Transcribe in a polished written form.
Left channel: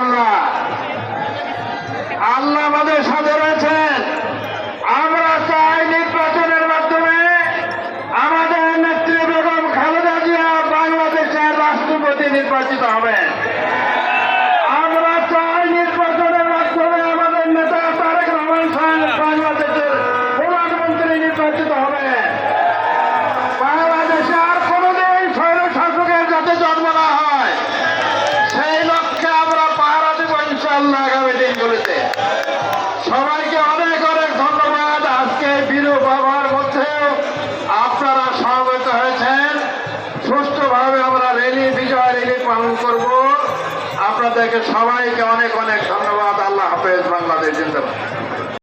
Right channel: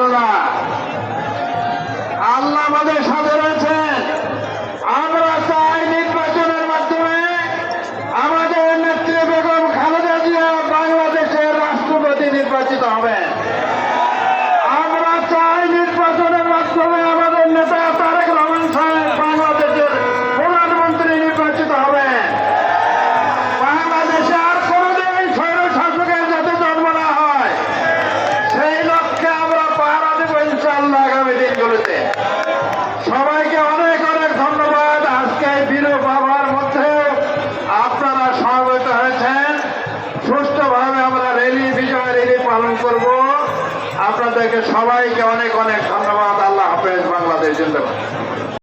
ইনশাআল্লাহ। আল্লাহ আমাদের সাথে রয়েছেন। আমরা চাই নির্বাচনের মাধ্যমে আমাদের নেত্রী বেগম খালেদা জিয়া বাংলাদেশের রাষ্ট্রপতি নির্বাচিত হবেন। আমরা চাই নির্বাচনের মাধ্যমে আমাদের নেতা তারেক রহমান সাহেব বাংলাদেশের প্রধানমন্ত্রী নির্বাচিত হবেন। বাংলাদেশে আর কোনোদিন স্বৈরশাসকের যাতে জন্ম না হয়, সেই লক্ষ্যে আমরা পাহারা দেব ইনশাআল্লাহ আগামী দিনগুলোতে। সবাইকে অনেক অনেক ধন্যবাদ। আজকে এই বিরূপ আবহাওয়ার মধ্যেও আপনারা সমবেত হয়েছেন। সুষ্ঠুভাবে আমরা বিজয় র্যালি পালন করব। আপনাদেরকে সবাইকে অনেক অনেক ধন্যবাদ। আল্লাহ হাফেজ। বাংলাদেশ জিন্দাবাদ।